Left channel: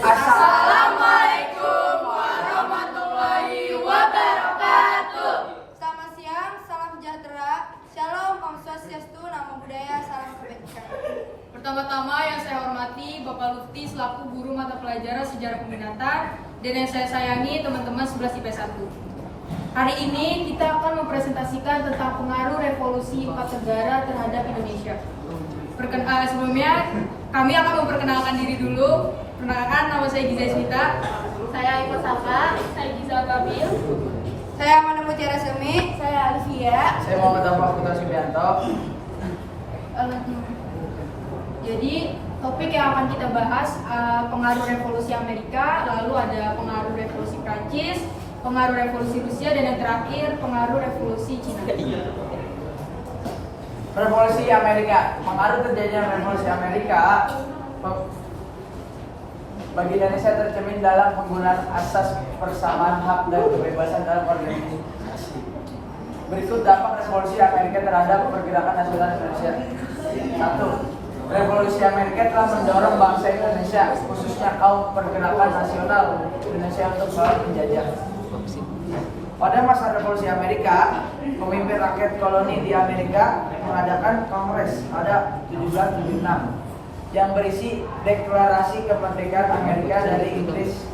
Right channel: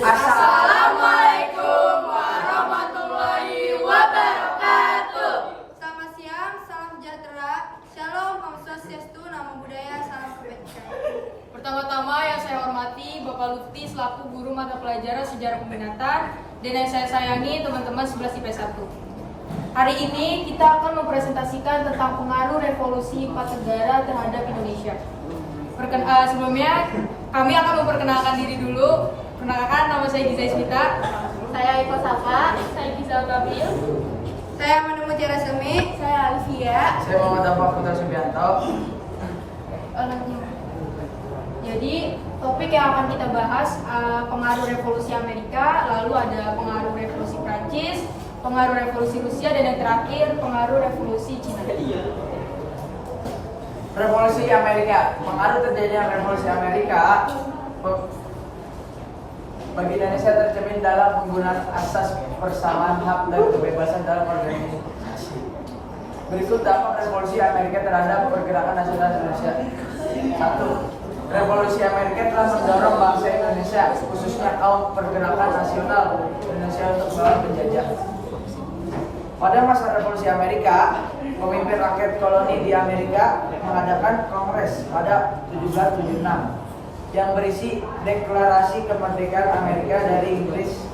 Assalamualaikum warahmatullahi wabarakatuh. Selamat siang, salam sejahtera, shalom, om swastiastu, namo buddhaya, salam kebajikan. Pertama-tama yang saya hormati Bapak Lutfi selaku guru mata pelajaran sejarah peminatan dan yang saya sayangi teman-teman 11 IPS 1. Hari ini kita akan mempresentasikan tentang pengaruh revolusi 4 negara terhadap Indonesia. Sebelumnya kami akan memperkenalkan diri dulu. Perkenalkan, nama saya Giza Smita. Saya Eko Saka. Saya Giza Babil. Saya Amanda Mutiara Semi. Saya Alivia. Saya Muhammad Dampak Putra Subianto. Jadi topik yang akan kita bahas pengaruh revolusi Amerika, lalu ada pengaruh revolusi Prancis, pengaruh revolusi Rusia, dan yang terakhir pengaruh revolusi Cina. Revolusi Amerika. Pengaruh terjadinya revolusi Amerika bagi Indonesia tercermin dalam penggunaan asas persamaan hak dan kebebasan dalam organisasi. Berikut dampak revolusi Amerika terhadap pergerakan nasional Indonesia. 1. Revolusi Amerika telah mendorong bangsa Indonesia, khususnya kaum pergerakan nasional Indonesia untuk melawan penjajah. Pada masa revolusi Amerika, pemimpin rakyat koloni di Amerika mengadakan kongres pada 1776 yang berisi deklarasi kemerdekaan Amerika dari Inggris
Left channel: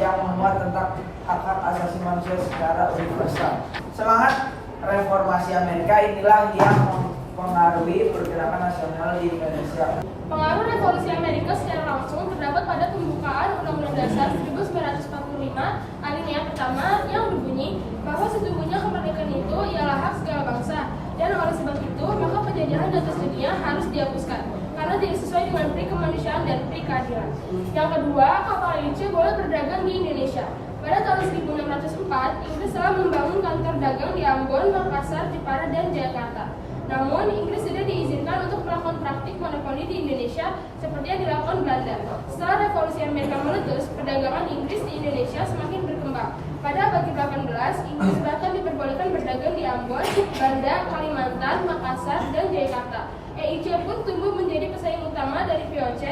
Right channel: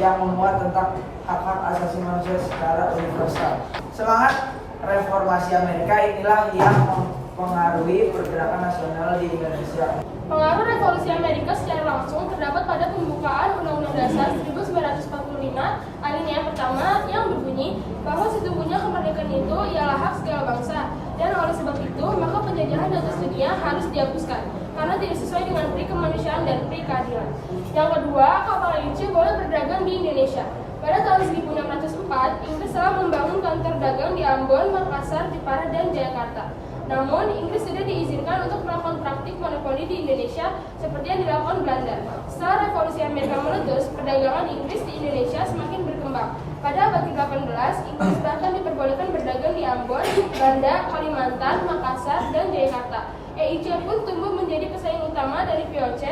yang memuat tentang hak-hak asasi manusia secara universal. Semangat reformasi Amerika inilah yang mempengaruhi pergerakan nasional di Indonesia. Pengaruh revolusi Amerika secara langsung terdapat pada pembukaan Undang-Undang Dasar 1945 alinea pertama yang berbunyi bahwa sesungguhnya kemerdekaan itu ialah hak segala bangsa, dan oleh sebab itu maka penjajahan di atas dunia harus dihapuskan karena tidak sesuai dengan pri kemanusiaan dan pri keadilan. Yang kedua, kapal Inggris boleh berdagang di Indonesia. Pada tahun 1604, Inggris telah membangun kantor dagang di Ambon, Makassar, Jepara, dan Jakarta. Namun, Inggris tidak diizinkan untuk melakukan praktik monopoli di Indonesia seperti yang dilakukan Belanda. Setelah revolusi Amerika meletus, perdagangan Inggris di Indonesia semakin berkembang. Pada abad ke-18, Inggris bahkan diperbolehkan berdagang di Ambon, Banda, Kalimantan, Makassar, dan Jakarta. EIC pun tumbuh menjadi pesaing utama dari VOC,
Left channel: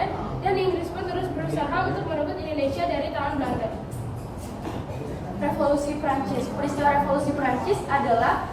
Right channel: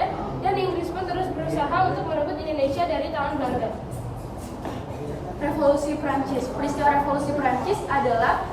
dan Inggris pun terus berusaha untuk merebut Indonesia dari tangan Belanda. Revolusi Prancis. Peristiwa revolusi Prancis adalah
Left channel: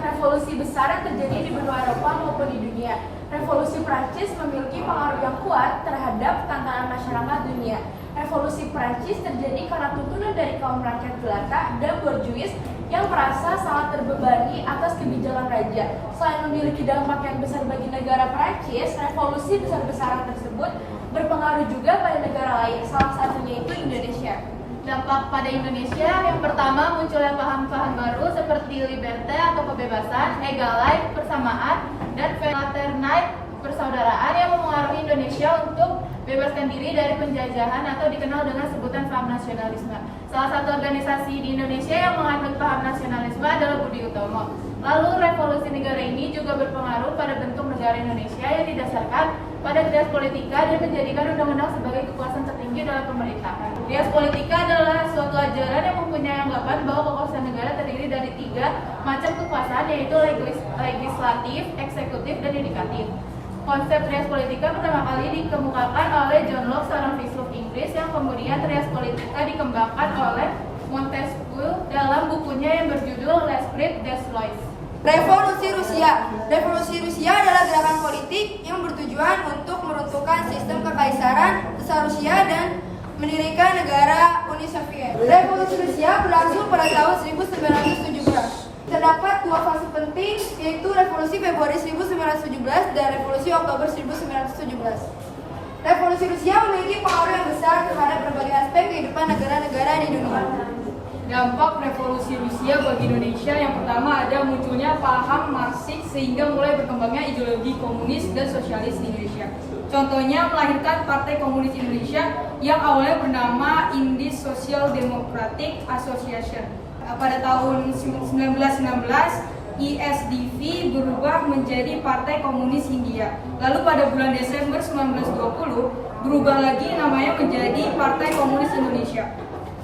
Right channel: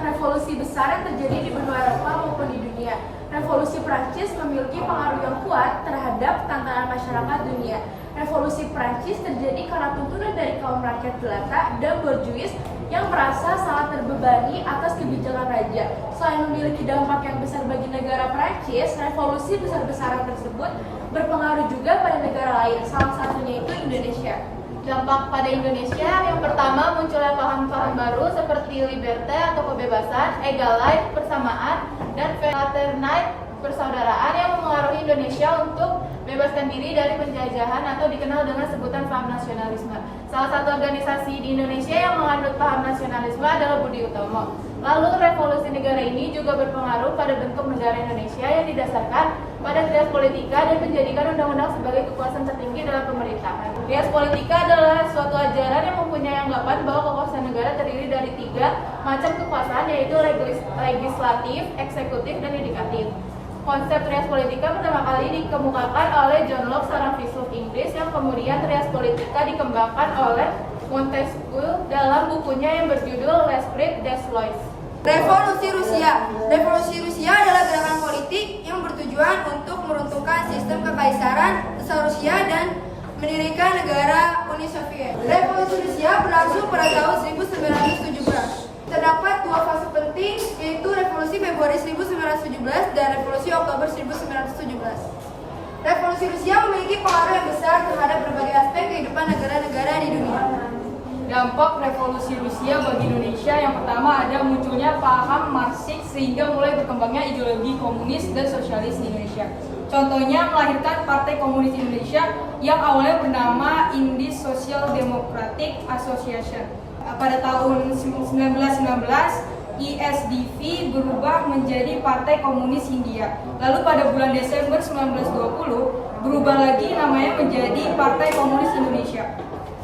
revolusi besar yang terjadi di benua Eropa maupun di dunia. Revolusi Prancis memiliki pengaruh yang kuat terhadap tantangan masyarakat dunia. Revolusi Prancis terjadi karena tuntunan dari kaum rakyat jelata dan borjuis yang merasa sangat terbebani atas kebijakan raja. Selain memiliki dampak yang besar bagi negara Prancis, revolusi besar-besaran tersebut berpengaruh juga pada negara lain, salah satunya itu Indonesia. Dampak pada Indonesia yang pertama munculnya paham-paham baru seperti liberté atau kebebasan, egalite, persamaan, dan fraternite, persaudaraan yang mempengaruhi Indonesia untuk bebaskan diri dari penjajahan atau dikenal dengan sebutan paham nasionalisme. Salah satu organisasi di Indonesia yang menganut paham nasionalisme adalah Budi Utomo. Lalu revolusi negara ini juga berpengaruh pada bentuk negara Indonesia yang didasarkan pada Trias Politika dan menjadikan undang-undang sebagai kekuasaan tertinggi dalam pemerintahan. Trias Politika adalah suatu ajaran yang mempunyai anggapan bahwa kekuasaan negara terdiri dari 3 macam kekuasaan, yaitu legislatif, eksekutif, dan yudikatif. Konsep Trias Politika pertama kali dikemukakan oleh John Locke, seorang filsuf Inggris, yang kemudian Trias Politika dikembangkan oleh Montesquieu dalam bukunya yang berjudul L'Esprit des Lois. Revolusi Rusia. Revolusi Rusia adalah gerakan politik yang bertujuan untuk meruntuhkan sistem kekaisaran Rusia dan mendirikan negara Uni Soviet. Revolusi Rusia berlangsung pada tahun 1917. Terdapat 2 fase penting, yaitu Revolusi Februari 1917 dan Revolusi Oktober 1917. Revolusi Rusia memiliki pengaruh yang besar terhadap berbagai aspek kehidupan negara-negara di dunia. Dampak revolusi Rusia bagi Indonesia yang pertama ada munculnya paham Marxis sehingga mulai berkembangnya ideologi komunis dan sosialis di Indonesia. Contohnya melahirkan Partai Komunis Indonesia yang awalnya bernama Indian Social Democratic Association. Pada tahun 1919, ISDV berubah menjadi Partai Komunis Hindia. Lalu pada bulan Desember 1920 berubah lagi namanya menjadi Partai Komunis Indonesia.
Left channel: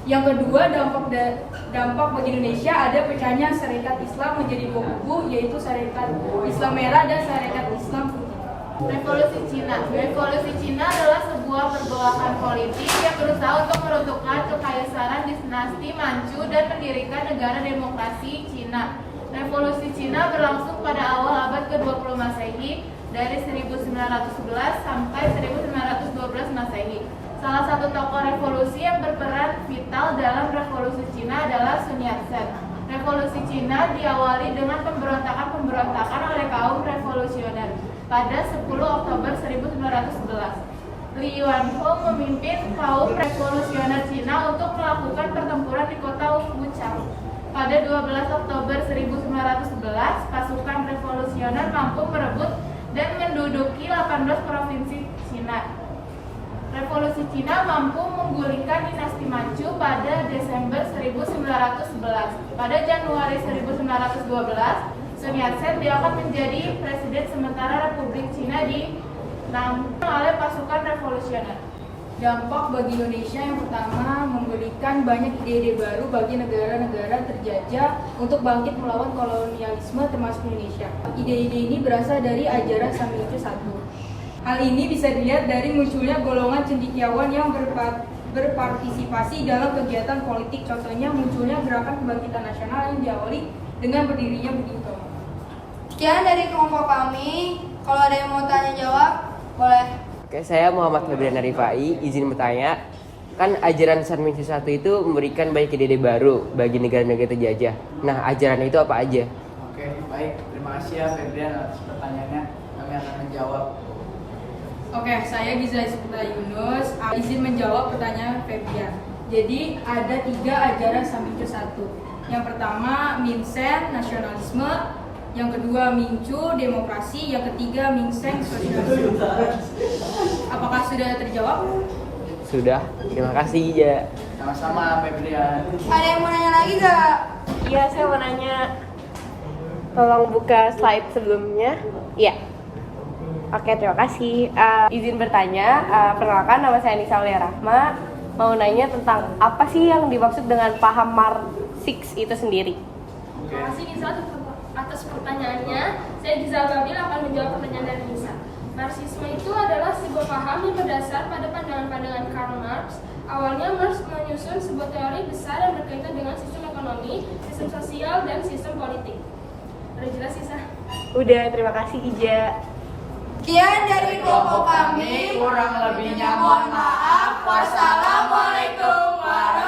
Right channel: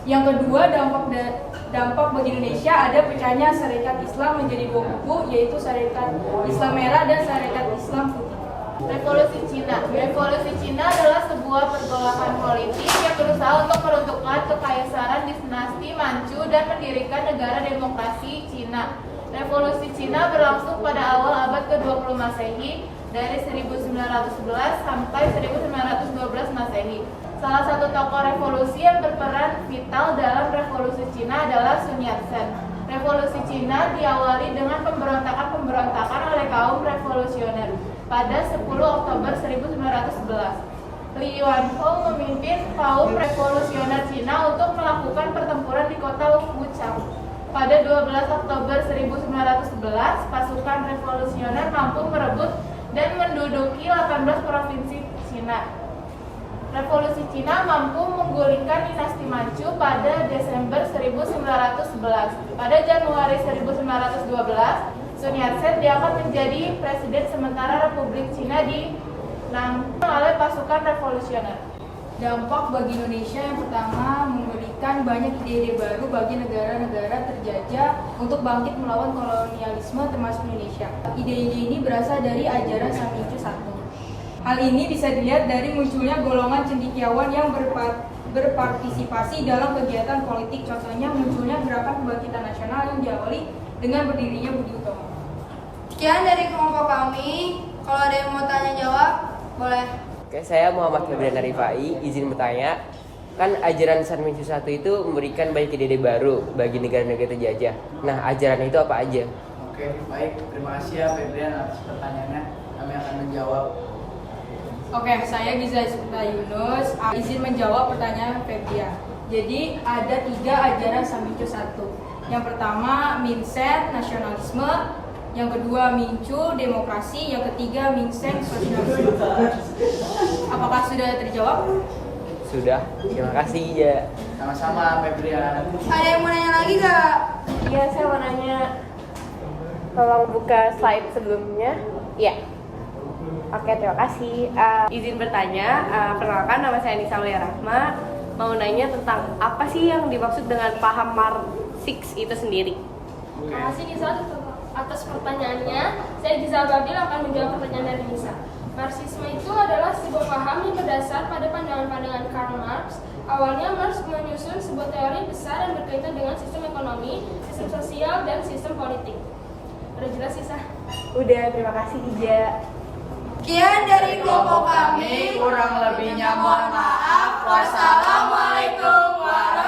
Yang kedua, dampak bagi Indonesia ada pecahnya Sarekat Islam menjadi 2 kubu, yaitu Sarekat Islam Merah dan Sarekat Islam Putih. Revolusi Cina. Revolusi Cina adalah sebuah pergolakan politik yang berusaha untuk meruntuhkan kekaisaran dinasti Manchu dan mendirikan negara demokrasi Cina. Revolusi Cina berlangsung pada awal abad ke-20 Masehi dari 1911 sampai 1912 Masehi. Salah satu tokoh revolusi yang berperan vital dalam revolusi Cina adalah Sun Yat-sen. Revolusi Cina diawali dengan pemberontakan oleh kaum revolusioner pada 10 Oktober 1911. Li Yuanhou memimpin kaum revolusioner Cina untuk melakukan pertempuran di kota Wuchang. Pada 12 Oktober 1911, pasukan revolusioner mampu merebut dan menduduki 18 provinsi Cina. Revolusi Cina mampu menggulingkan dinasti Manchu pada Desember 1911. Pada Januari 1912, Sun Yat-sen diangkat menjadi presiden sementara Republik Cina dinampung oleh pasukan revolusioner. Dampak bagi Indonesia yang pertama, memberikan banyak ide-ide baru bagi negara-negara terjajah untuk bangkit melawan kolonialisme termasuk Indonesia. Ide-ide ini berasal dari ajaran Samyuju I. Hal ini bisa dilihat dari munculnya golongan cendekiawan yang berpartisipasi dalam kegiatan politik. Contohnya munculnya Gerakan Kebangkitan Nasional yang diawali dengan berdirinya Budi Utomo. Sekian dari kelompok kami. Kalau ada yang mau tanya jawab, boleh. Oke, saya Muhammad Febrian Rifai, izin bertanya. Kan ajaran Samyuju I itu memberikan banyak ide-ide baru bagi negara-negara terjajah. Nah, ajaran itu apa aja? Oke, baik. Terima kasih ya Febrian atas pertanyaannya. Kami akan menjawab. Oke, saya Giza Isputra Yunus, izin menjawab pertanyaan Febrian. Jadi ada 3 ajaran Samyuju I. Yang pertama Mingsen, nasionalisme. Yang kedua Mingchu, demokrasi. Yang ketiga Mingsen, sosialisme. Apakah sudah terjawab? Sudah, terima kasih ya. Sama-sama Febrian. Ada yang mau nanya lagi gak? Iya, saya mau nanya. Tolong buka slide sebelumnya. Iya. Oke, terima kasih. Izin bertanya, perkenalkan nama saya Nisa Rahma. Mau nanya tentang apa sih yang dimaksud dengan paham Marxis itu sendiri? Terima kasih Gisal atas pertanyaannya. Saya Gisal Babil akan menjawab pertanyaan dari Nisa. Marxisme itu adalah sebuah paham yang berdasar pada pandangan-pandangan Karl Marx. Awalnya Marx menyusun sebuah teori besar yang berkaitan dengan sistem ekonomi, sistem sosial, dan sistem politik. Udah jelas Nisa? Udah, terima kasih Ija. Sekian dari kelompok kami. Kurang lebihnya mohon maaf. Wassalamualaikum warahmatullahi wabarakatuh.